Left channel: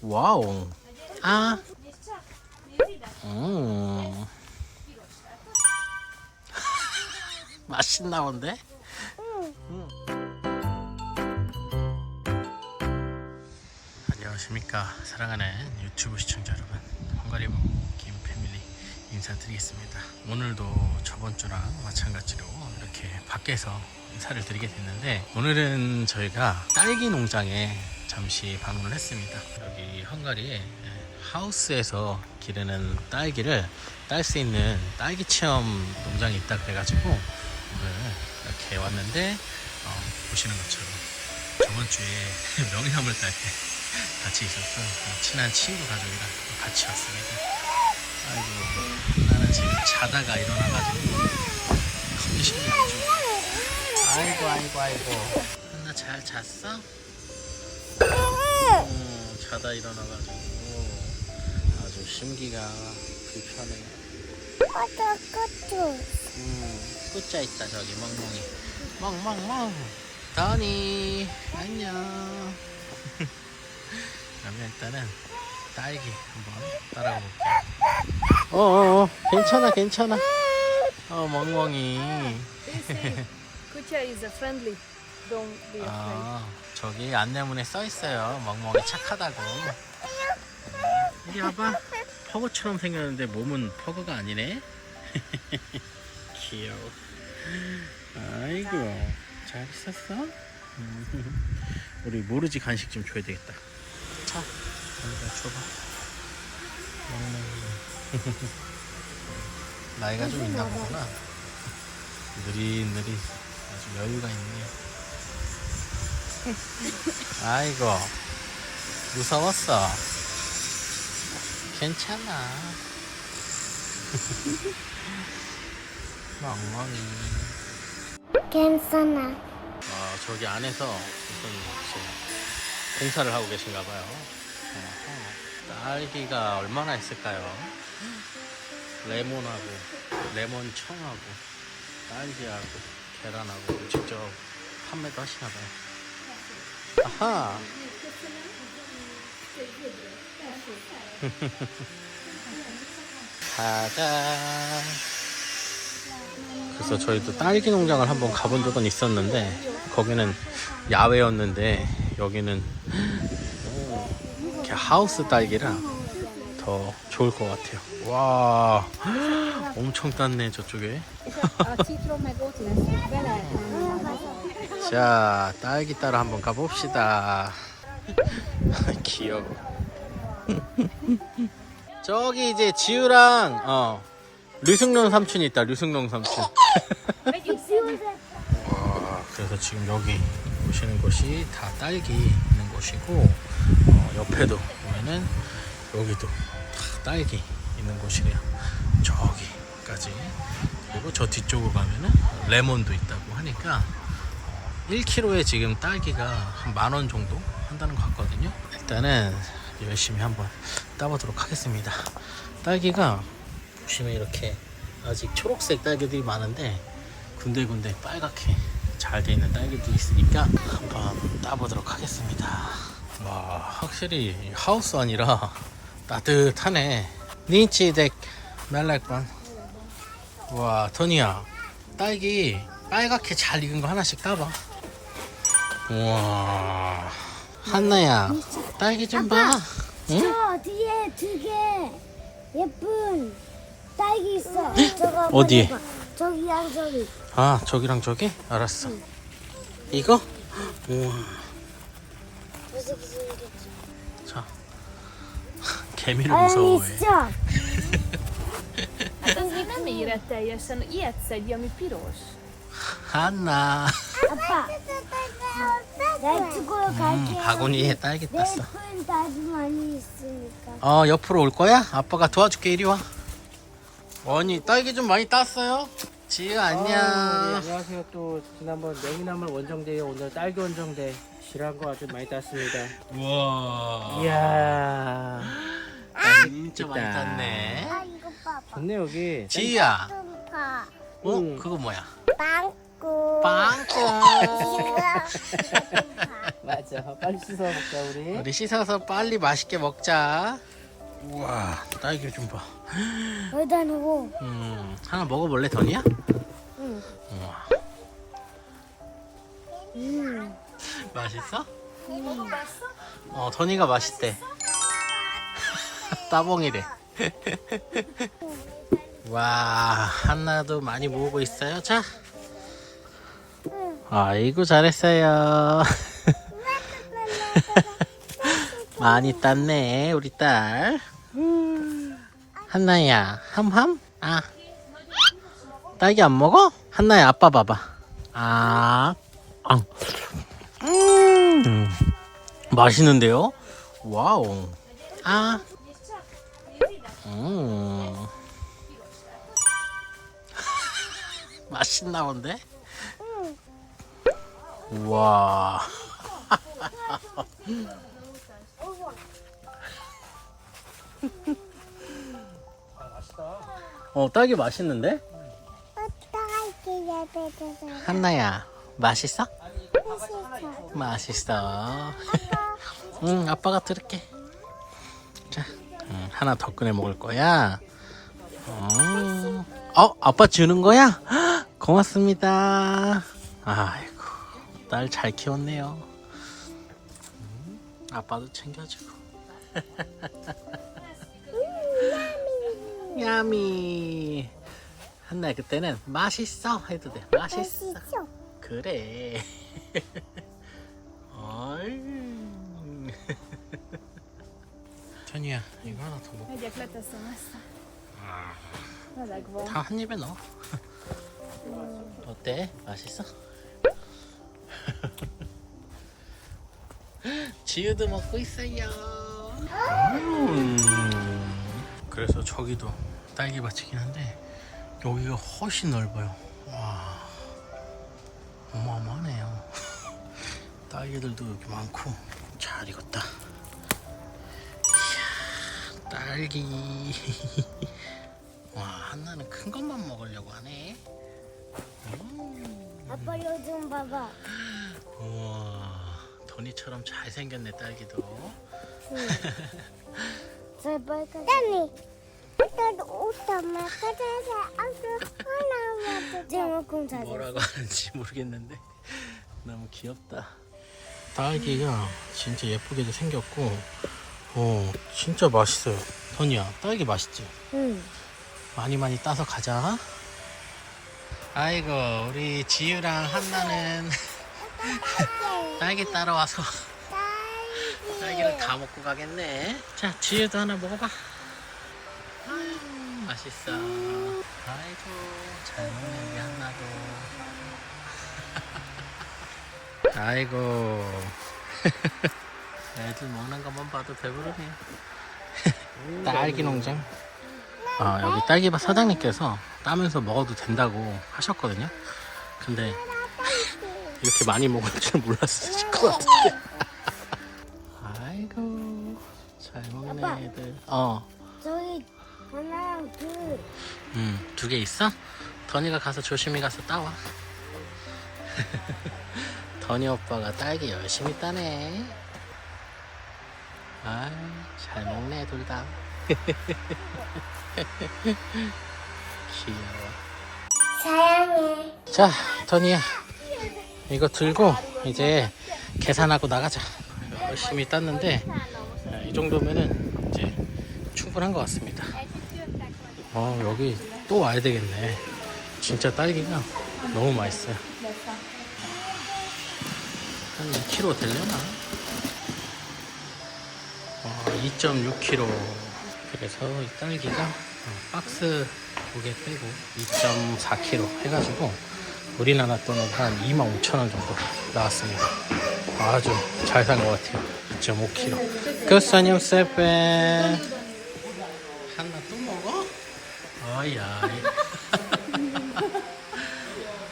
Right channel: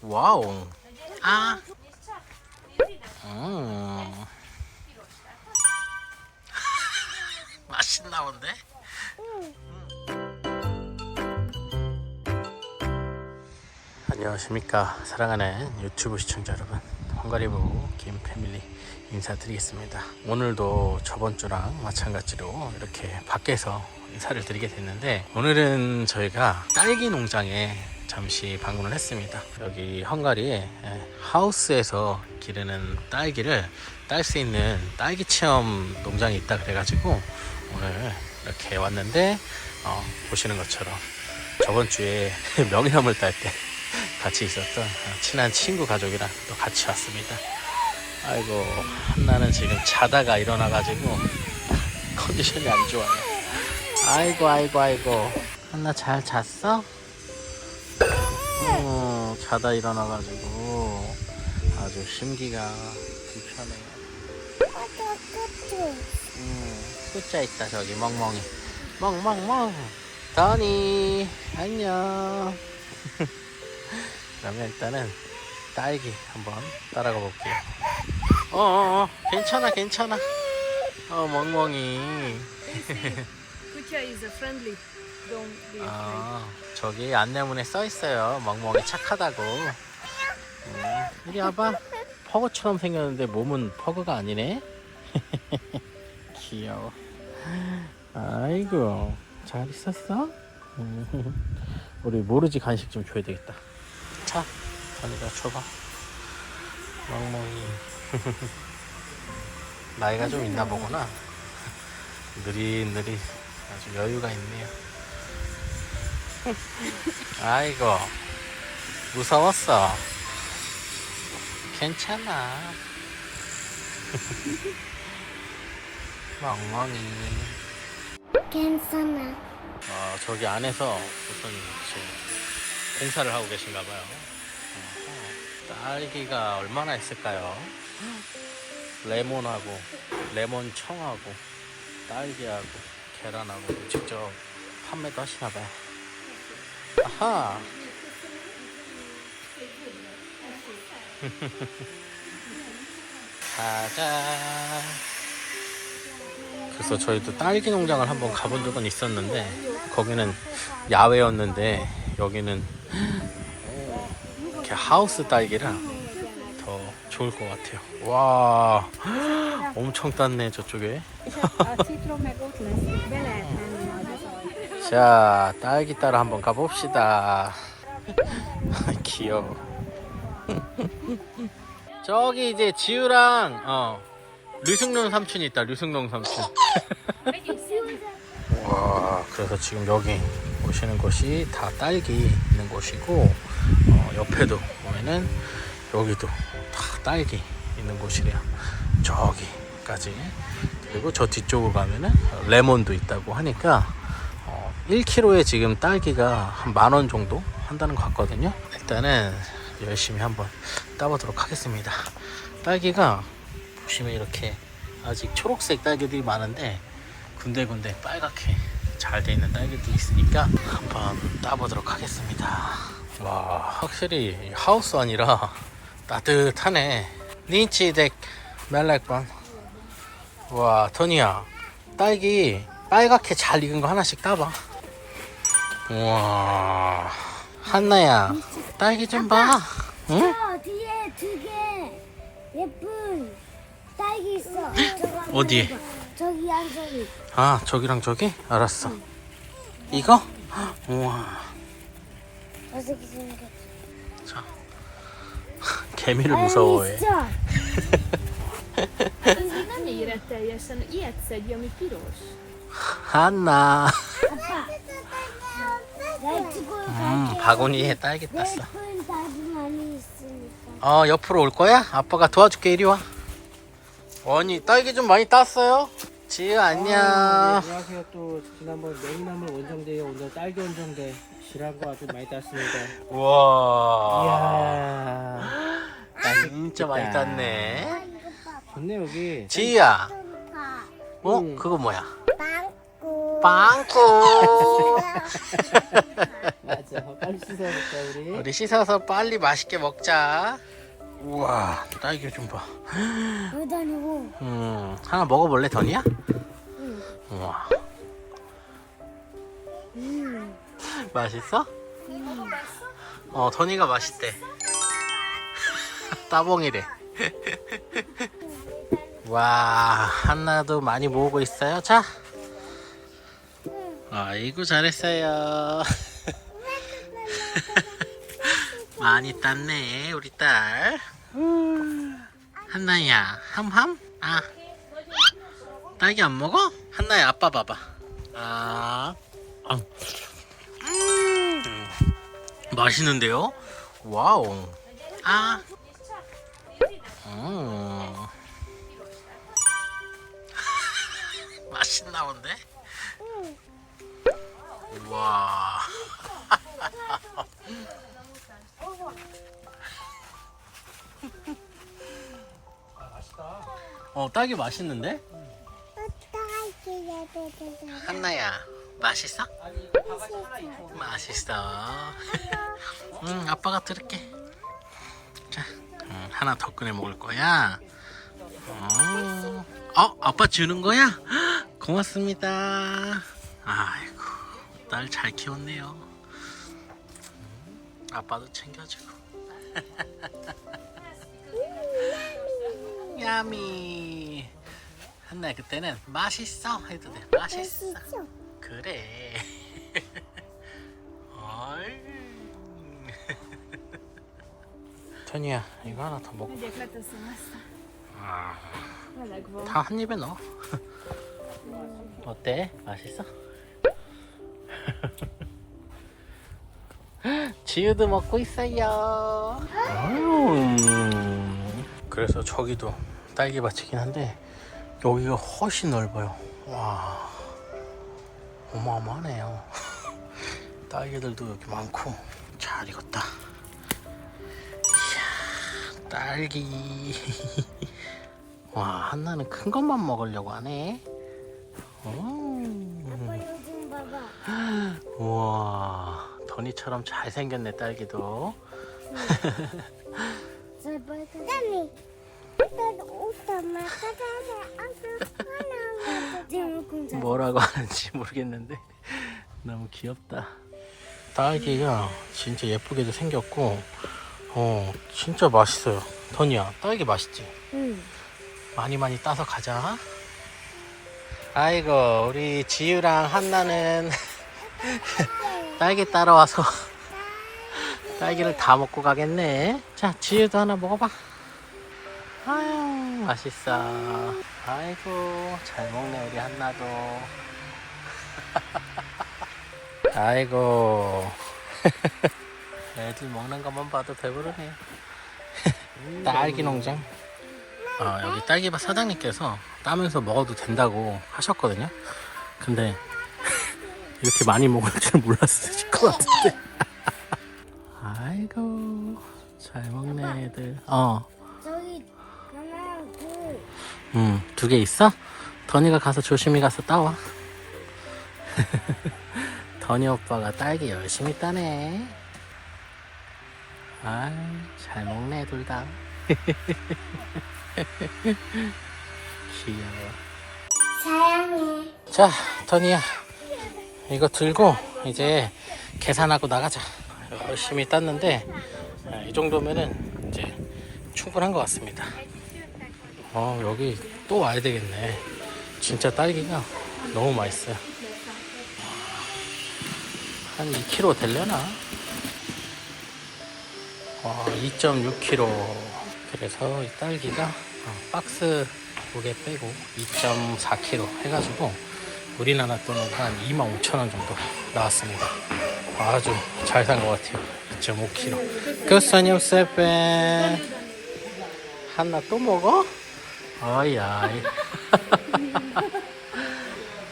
와우. 아. 어. 맛있나 본데? 안녕하십니까 사랑하는 유튜브 시청자 여러분 헝가리부 김패밀리 인사드리겠습니다 오늘도 저번 주랑 마찬가지로 이렇게 밖에서 인사를 드리게 됐는데 오늘은 저희가 딸기 농장에 잠시 방문을 했습니다 여기 헝가리에 예, 하우스에서 기르는 딸기를 딸 수 있는 딸기 체험 농장이 있다 그래가지고 오늘 이렇게 왔는데 어, 보시는 것처럼 저번 주에 명이나물 딸 때 같이 있었던 어, 친한 친구 가족이랑 또 같이 왔습니다. 아이고 나는 지금 자다가 일어나가지고 컨디션이 안 좋아요. 아이고 아이고 아이고 한나 잘 잤어? 어, 자다 일어나가지고 아주 심기가 불편해. 꼬투 꼬투 음, 혼자 있다 저기. 멍멍이. 멍멍멍. 더니 안녕. 그러면 일단은 딸기 한번 따라가 볼게요. 어어어. 괜찮아 괜찮아. 어 멍멍이. Kutya is a friendly. Don't be afraid. 아 저기 안내문에 써 있어요. 멍멍이 착하다고. 음, 이리 와봐. 퍼그처럼 생겼는데 몸은 퍼그가 아니네? 귀여워. 아이고 잘 있었어? 우리 모르지 간식 좀 줘야 되겠다. 자 자네가 줘봐. 멍멍이. 나이가 좀 있나 보구나. 느릿느릿. 아주 여유가 있네요 아이고 무서웠어 괜찮아 멍멍이 괜찮아 아, 저기 안에서 무슨 이제 공사를 하고 계신가 봐요. 어허. 딸기가 얼마나 있을까요? 레몬하고 레몬 청하고 딸기하고 계란하고 직접 판매도 하시나 봐요. 아하. 가자. 그래서 저희도 딸기 농장을 한번 가본 적은 있었는데 거기는 야외였는데 여기는 이렇게 하우스 딸기라 더 좋을 것 같아요. 와 엄청 땄네 저쪽에. 자 딸기 따라 한번 가봅시다. 귀여워. 저기 이제 지우랑 어 류승룡 삼촌이 있다. 류승룡 삼촌. 와 그래서 지금 여기 보시는 곳이 다 딸기 있는 곳이고 어, 옆에도 보면은 여기도 다 딸기 있는 곳이래요 저기까지 그리고 저 뒤쪽으로 가면은 레몬도 있다고 하니까 어, 1kg에 지금 딸기가 한 만 원 정도 한다는 것 같거든요 일단은 열심히 한번 따보도록 하겠습니다 딸기가 보시면 이렇게 아직 초록색 딸기들이 많은데 군데군데 빨갛게 잘 돼 있는 딸기도 있으니까 한번 따보도록 하겠습니다. 와, 확실히 하우스 아니라 따뜻하네. 니치덱 멜렉반. 와, 토니야. 딸기 빨갛게 잘 익은 거 하나씩 따봐. 우와. 한나야, 딸기 좀 봐. 응? 저 뒤에 두 개 예쁜 딸기 있어 저거 어디에? 저기 양저기 아, 저기랑 저기? 알았어. 이거? 우와. 자. 개미를 무서워해. Ez még nem érett teljesen. Ami piros. 한나. 아빠 나 두고 음, 갈게 바구니에 딸기 땄어. 많이 있으니까 어, 옆으로 올 거야? 아빠가 도와줄게, 이리 와. 원이, 딸기 좀 많이 땄어요? 안녕. 아, 네, 안녕하세요. 또 지난번 명이나물 원정대에 오늘 딸기 원정대 실한 거 아주 많이 땄습니다. 우와. 이야, 진짜 많이 땄네. 아 이거 봐봐 좋네 여기. 지우야, 봐 어? 음. 그거 뭐야? 빵꾸 빵꾸. 맞아. 빨리 씻어 먹자 우리. 우리 씻어서 빨리 맛있게 먹자. 우와, 딸기 좀 봐. 놓고. 음, 하나 먹어볼래, 더니야? 응. 우와, 음. 맛있어? 어, 더니가 맛있대. 따봉이래. 와, 한나도 많이 모으고 있어요. 자. 아이고, 잘했어요. 많이 땄네, 우리 딸. 한나야, 함함? 아. 딸기 안 먹어? 한나야, 아빠 봐봐. 아. 아. 음. 맛있는데요? 와우. 아. 음. 맛있나 본데? 우와. 어, 딸기 맛있는데? 한나야, 맛있어? 맛있어. 응, 아빠가 들을게. 자, 응, 하나 더 꺼내 먹을 거야. 어, 어, 아빠 주는 거야? 헉, 고맙습니다. 아 딸잘 키웠네요. 음, 아빠도 챙겨주고. 야미. 한나 그때는 맛있어 해도 돼. 맛있어. 맛있어. 그래. 어이. 천이야, 이거 하나 더 ezt. 아, Meleg van. 다한 입에 넣어. 어때? 맛있어? 지우도 먹고 있어요. 음. 그래서 저기도 딸기밭이긴 한데 여기가 훨씬 넓어요. 와, 어마어마하네요. 딸기들도 이렇게 많고 잘 익었다. 이야, 딸기. 와, 한나는 큰 것만 먹으려고 하네. 음. 아빠 좀 봐봐. 우와, 더니처럼 잘생겼네, 딸기도. 딸기. 나도 옷 엄마 가져서 아주 하나 제목은 잘. 뭐라고 하는지 모르겠는데 너무 귀엽다. 딸기가 진짜 예쁘게도 생겼고, 어, 진짜 맛있어요. 더니야, 딸기 맛있지? 응. 많이 많이 따서 가자. 아이고, 우리 지유랑 한나는 딸기 따라와서 딸기를 다 먹고 가겠네. 자, 지유도 하나 먹어봐. 아유, 맛있어. 아이고, 잘 먹네, 우리 한나도. 아이고. 애들 먹는 것만 봐도 배부르네요. 딸기 농장. 아, 여기 딸기밭 사장님께서 따면서 먹어도 된다고 하셨거든요. 근데 이렇게 많이 먹을 줄 몰랐을 것 같은데. 아이고, 잘 먹네, 애들. 어, 저기 하나 둘. 응, 두 개 있어? 더니가 가서 조심히 가서 따와. 더니 오빠가 딸기 열심히 따네. 아이, 잘 먹네, 둘 다. 귀여워. 사랑해. 자, 더니야. 이거 들고 이제 계산하고 나가자. 열심히 땄는데, 아, 이 정도면은 이제 충분한 것 같습니다. 어, 여기 또 와야 되겠네. 진짜 딸기가 너무 맛있어요. 한 2kg 되려나? 와, 2.6kg. 그래서 이 딸기가 어, 박스 무게 빼고 2.4kg 해가지고 우리나라 돈으로 한 25,000원 정도 나왔습니다. 아주 잘 산 것 같아요. 2.5kg. 끝사님 세페. 한나 또 먹어? 어이야.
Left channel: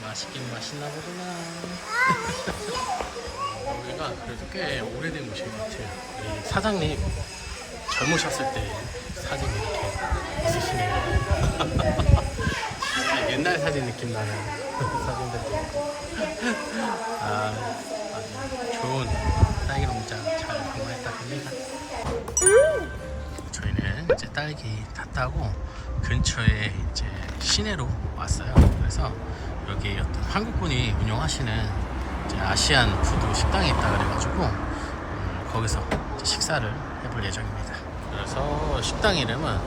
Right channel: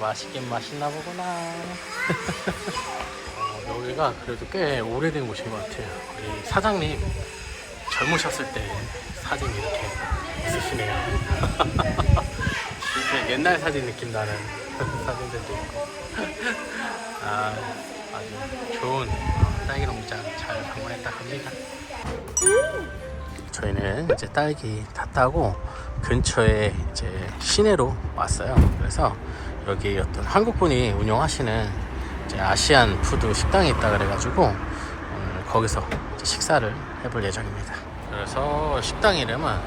맛있긴 맛있나 보구나. 어, 여기가 그래도 꽤 오래된 곳인 것 같아요. 우리 사장님 젊으셨을 때 사진 이렇게 있으시네요. 옛날 사진 느낌 나는 사진들도 있고. 아, 아주 좋은 어, 딸기 농장 잘 방문했다 합니다. 저희는 이제 딸기 다 따고 근처에 이제 시내로 왔어요. 그래서 여기 어떤 한국분이 운영하시는 이제 아시안 푸드 식당이 있다 그래가지고 오늘 거기서 식사를 해볼 예정입니다. 그래서 식당 이름은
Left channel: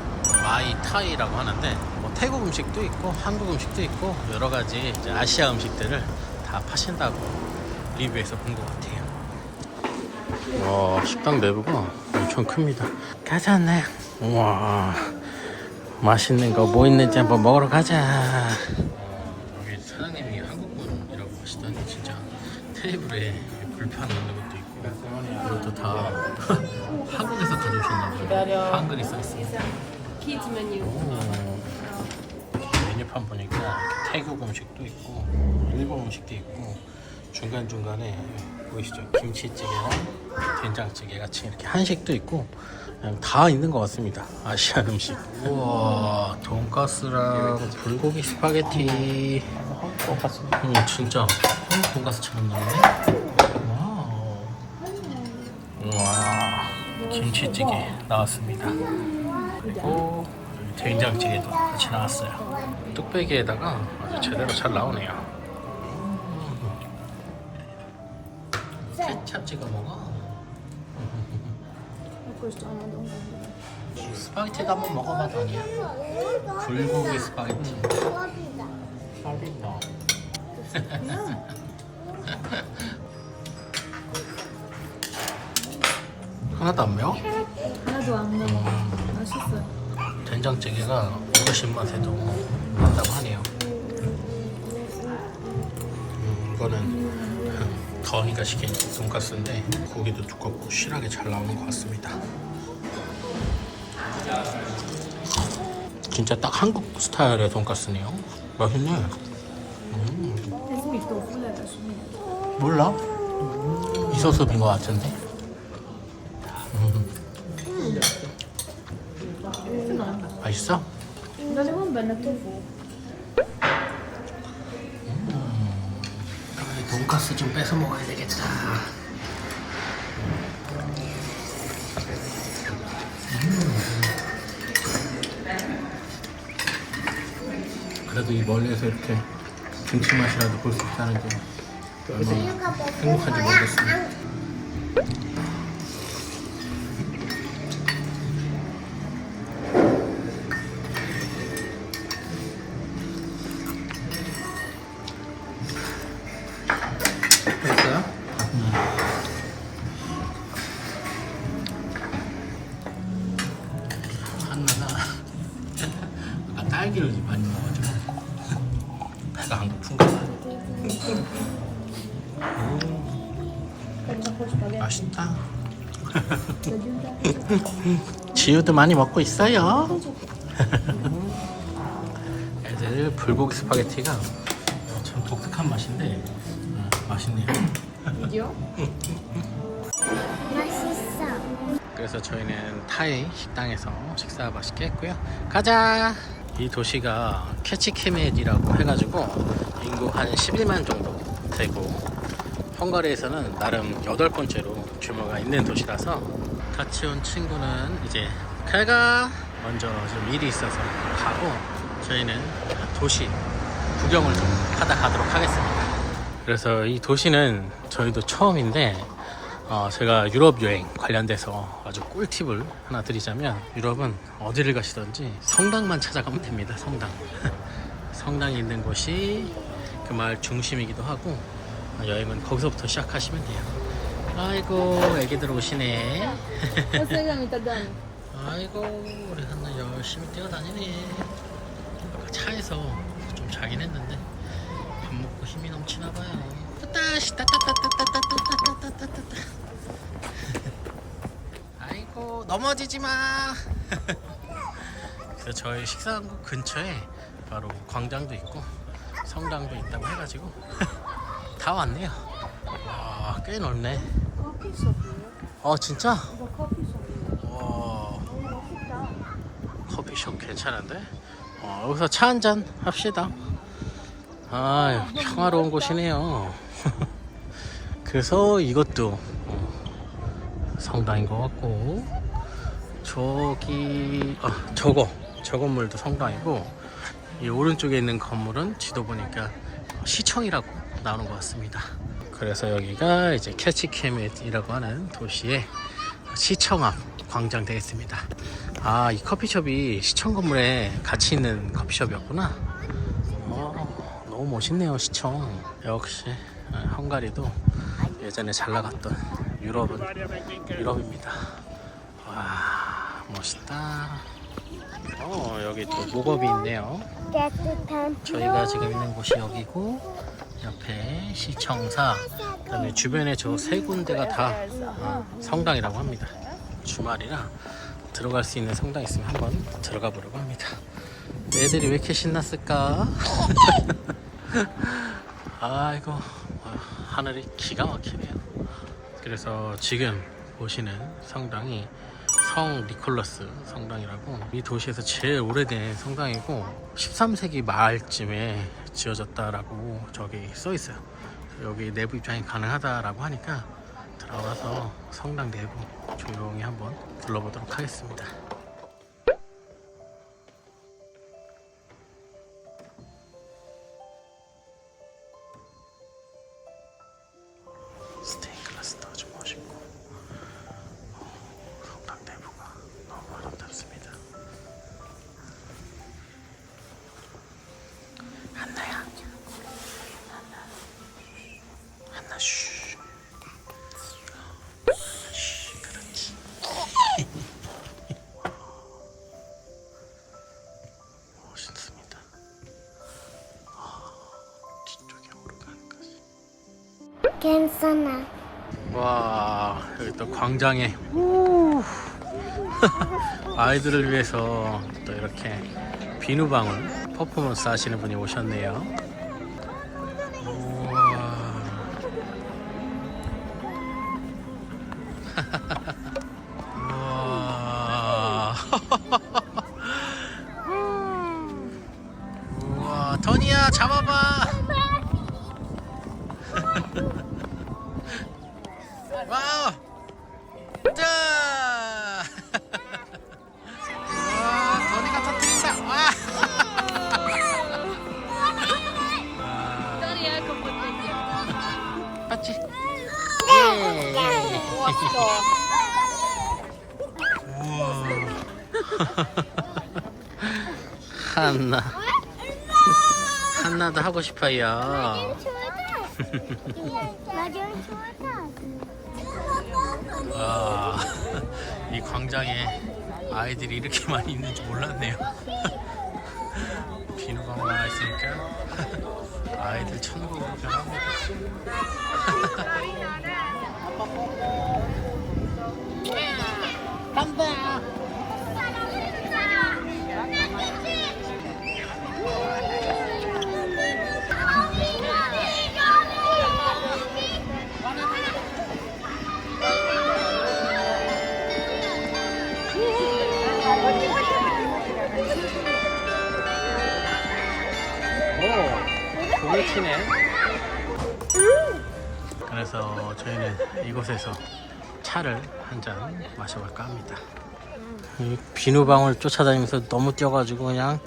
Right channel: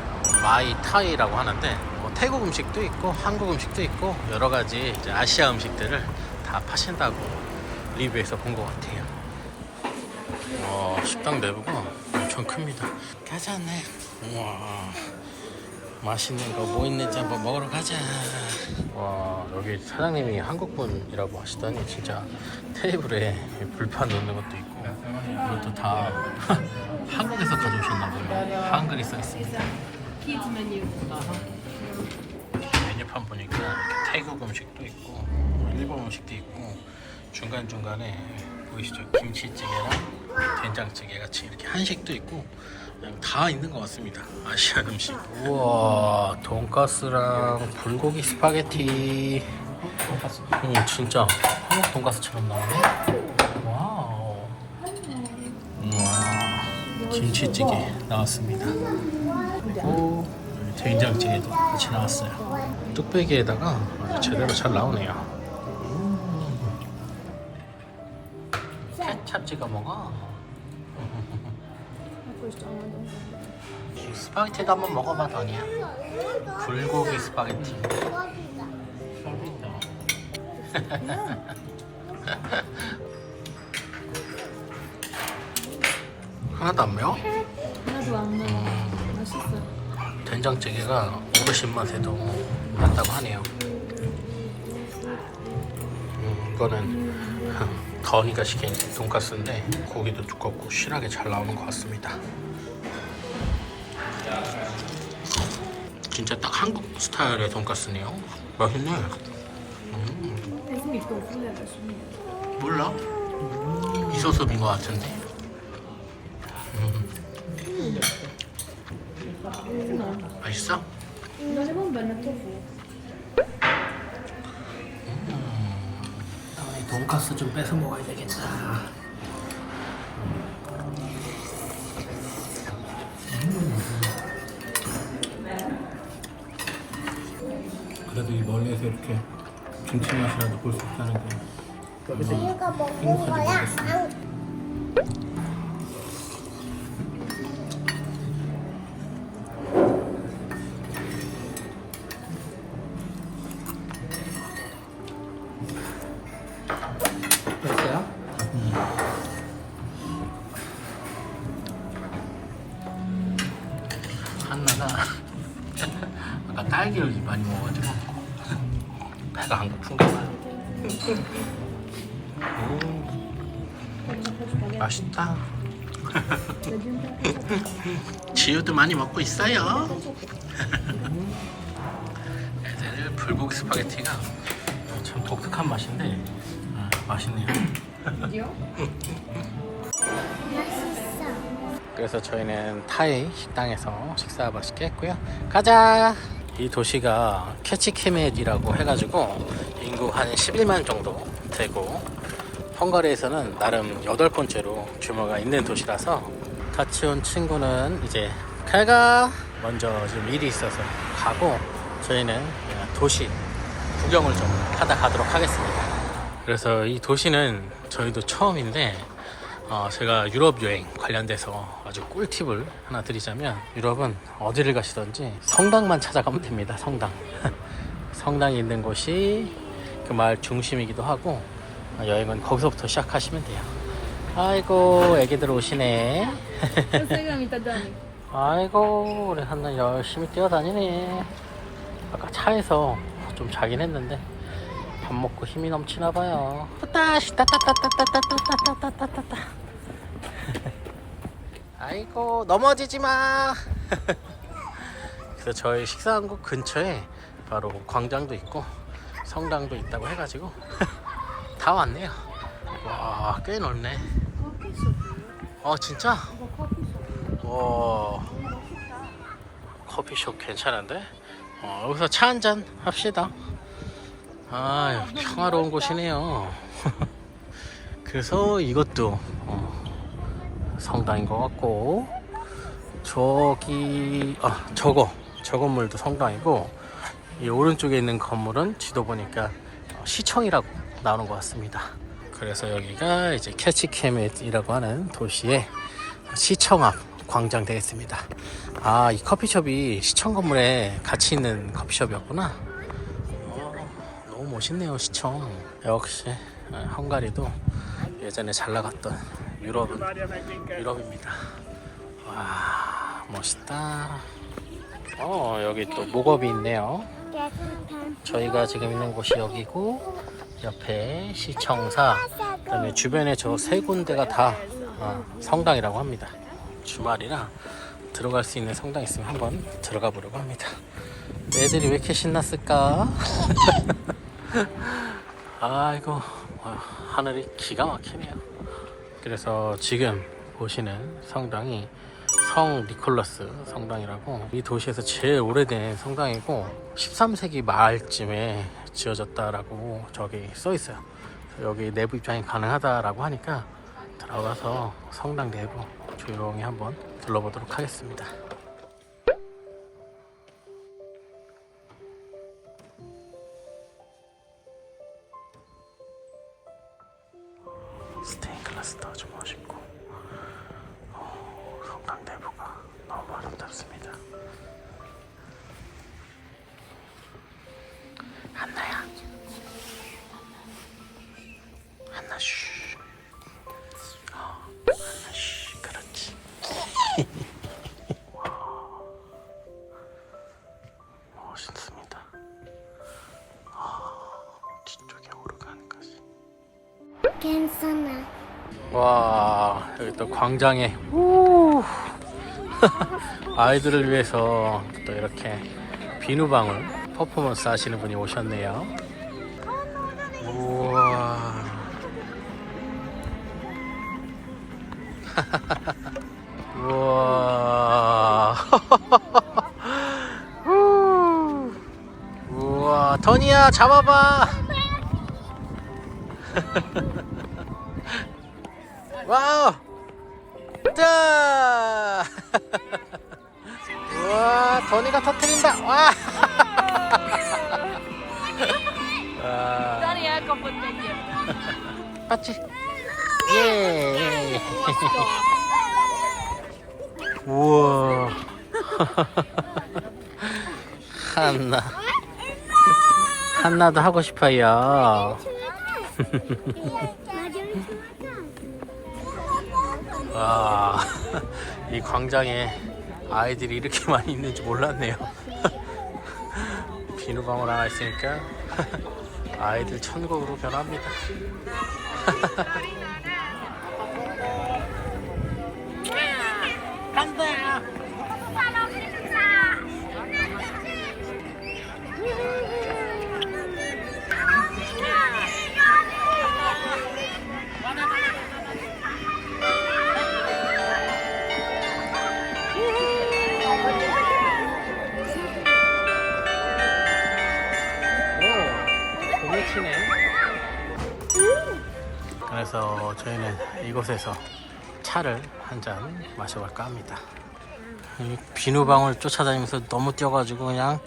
마이타이라고 하는데 뭐 태국 음식도 있고 한국 음식도 있고 여러 가지 이제 아시아 음식들을 다 파신다고 리뷰에서 본 것 같아요. 와 식당 내부가 엄청 큽니다. 가자네. 우와. 맛있는 거 뭐 있는지 한번 먹으러 가자. 와 여기 사장님이 한국분이라고 하시더니 진짜 테이블에 불판이 있는 것도 있고 이것도 다 한국에서 가져오셨나 봐요. 한글이 써 있습니다. Kids menu. 메뉴 판 보니까 태국 음식도 있고 일본 음식도 있고 중간중간에 보이시죠? 김치찌개랑 된장찌개 같이 이렇게 한식도 있고 다 있는 것 같습니다. 아시안 음식. 우와 돈가스랑 불고기 스파게티. 음, 진짜. 한국 돈가스처럼 나오네. 와우. 우와 김치찌개 나왔습니다. 그리고 된장찌개도 같이 나왔어요. 뚝배기에다가 아주 제대로 잘 나오네요. 음. 케찹 찍어 먹어. 스파게티도 한번 먹어봐, 더니야. 불고기 스파게티. 하나도 안 매워? 하나도 안 매워. 맛있어. 된장찌개가 510맛에도 맞다고 하네요. 음, 이거는 더니가 시킨 돈가스인데 고기도 두껍고 실하게 잘 나오는 것 같습니다. 진짜 딱 한국 스타일의 돈가스네요. 맛있네. 음. 몰라? 있어서 빈것 같은데? 돈가스 좀 뺏어 먹어야 되겠다. 그래도 이 멀리에서 이렇게 김치 맛이라도 볼 수 있다는 게 얼마나 행복한지 모르겠습니다. 한나가 아까 딸기를 많이 먹어가지고 배가 안 고픈가 봐. 음, 맛있다. 지우도 많이 먹고 있어요. 애들 불고기 스파게티가 참 독특한 맛인데 음, 맛있네요. 그래서 저희는 타이 식당에서 식사 맛있게 했고요. 가자! 이 도시가 캐치케멧이라고 해가지고 인구 한 11만 정도 되고 헝가리에서는 나름 여덟 번째로 규모가 있는 도시라서 같이 온 친구는 이제 갈가 먼저 좀 일이 있어서 가고 저희는 도시 구경을 좀 하다 가도록 하겠습니다. 그래서 이 도시는 저희도 처음인데 어, 제가 유럽 여행 관련돼서 아주 꿀팁을 하나 드리자면 유럽은 어디를 가시든지 성당만 찾아가면 됩니다. 성당. 성당이 있는 곳이 그 마을 중심이기도 하고 어, 여행은 거기서부터 시작하시면 돼요. 아이고 애기들 오시네. 단. 아이고 우리 한나 열심히 뛰어다니네. 아까 차에서 좀 자긴 했는데 밥 먹고 힘이 넘치나 봐요. 따따시 따따따따따따따따따따. 아이고 넘어지지 마. 그래서 저희 식사한 곳 근처에 바로 광장도 있고 성당도 있다고 해가지고 다 왔네요. 와 꽤 넓네. 어 진짜? 와 커피숍 괜찮은데? 어, 여기서 차 한 잔 합시다. 아, 평화로운 곳이네요. 그래서 이것도 어, 성당인 것 같고, 저기, 아, 저거, 저 건물도 성당이고, 이 오른쪽에 있는 건물은 지도 보니까 어, 시청이라고 나오는 것 같습니다. 그래서 여기가 이제 캐치케밋이라고 하는 도시의 시청 앞 광장 되겠습니다. 아, 이 커피숍이 시청 건물에 같이 있는 커피숍이었구나. 어, 너무 멋있네요, 시청. 역시 어, 헝가리도 예전에 잘 나갔던 유럽은 유럽입니다. 와, 멋있다. 어, 여기 또 목업이 있네요. 저희가 지금 있는 곳이 여기고 옆에 시청사 그다음에 주변에 저 세 군데가 다 어, 성당이라고 합니다. 주말이라 들어갈 수 있는 성당 있으면 한번 들어가 보려고 합니다. 애들이 왜 이렇게 신났을까? 아이고 와, 하늘이 기가 막히네요. 그래서 지금 보시는 성당이 성 니콜라스 성당이라고 이 도시에서 제일 오래된 성당이고 13세기 말쯤에 지어졌다라고 저기 써 있어요. 여기 내부 입장이 가능하다라고 하니까 들어가서 성당 내부 조용히 한번 둘러보도록 하겠습니다. 괜찮아. 와 여기 또 광장에 우! 아이들을 위해서 또 이렇게 비누방울 퍼포먼스 하시는 분이 오셨네요. 우와. 우와. 우. 우와 토니야 잡아봐 와, 더니가 터뜨린다! 와! 와. 맞지? 예! 우와. 한나. 한나도 하고 싶어요. 와, 이 광장에 아이들이 이렇게 많이 있는지 몰랐네요. 비누방울 하나 있으니까 아이들 천국으로 변합니다. 간다. 곳에서 차를 한 잔 마셔볼까 합니다. 음, 비누방울 쫓아다니면서 너무 뛰어가지고 그냥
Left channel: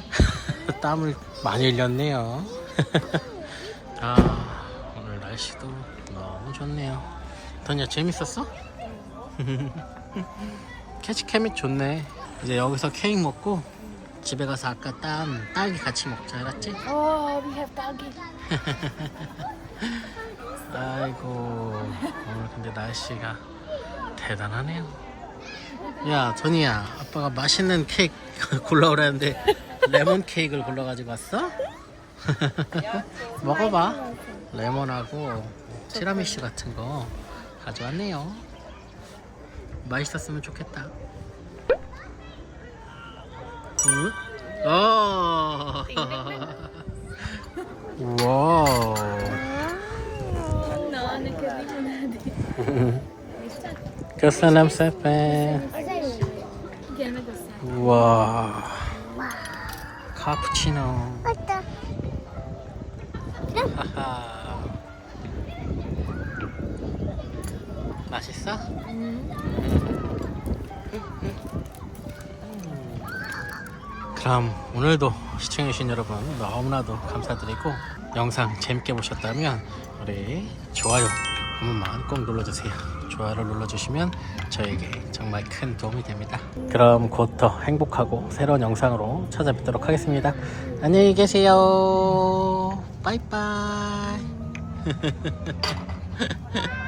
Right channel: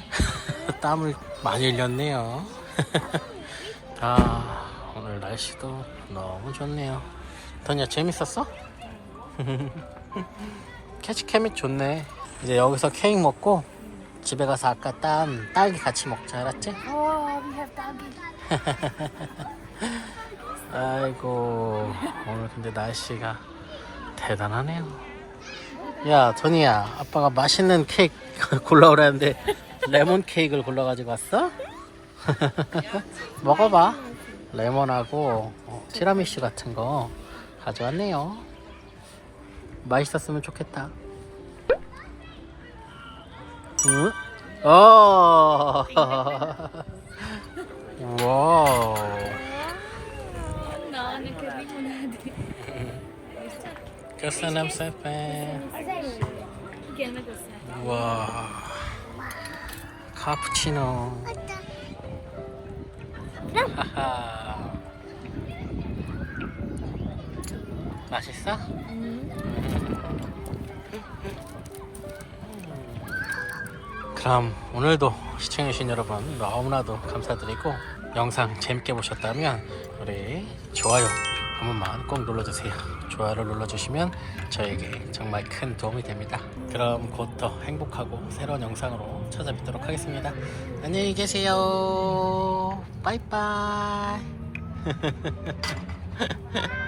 땀을 많이 흘렸네요. 아, 오늘 날씨도 너무 좋네요. 더니야 재밌었어? 캐치케밋 좋네. 이제 여기서 케이크 먹고 집에 가서 아까 딴 딸기 같이 먹자, 알았지? Oh, we have. 아이고 오늘 근데 날씨가 대단하네요. 야 전이야 아빠가 맛있는 케이크 골라오라는데 레몬 케이크를 골라가지고 왔어? 먹어봐. 레몬하고 어, 티라미슈 같은 거 가져왔네요. 맛있었으면 좋겠다. 응? 어. 와우. Köszönöm szépen! Gelmek hozzá! Wow! Cappuccino! Haha! 맛있어? 응. 그럼 오늘도 시청해주신 여러분 너무나도 감사드리고 영상 재밌게 보셨다면 우리 좋아요. 한 번만 꼭 눌러주세요. 좋아요를 눌러주시면 저에게 정말 큰 도움이 됩니다. 그럼 곧 더 행복하고 새로운 영상으로 찾아뵙도록 하겠습니다. 안녕히 계세요. 빠이빠이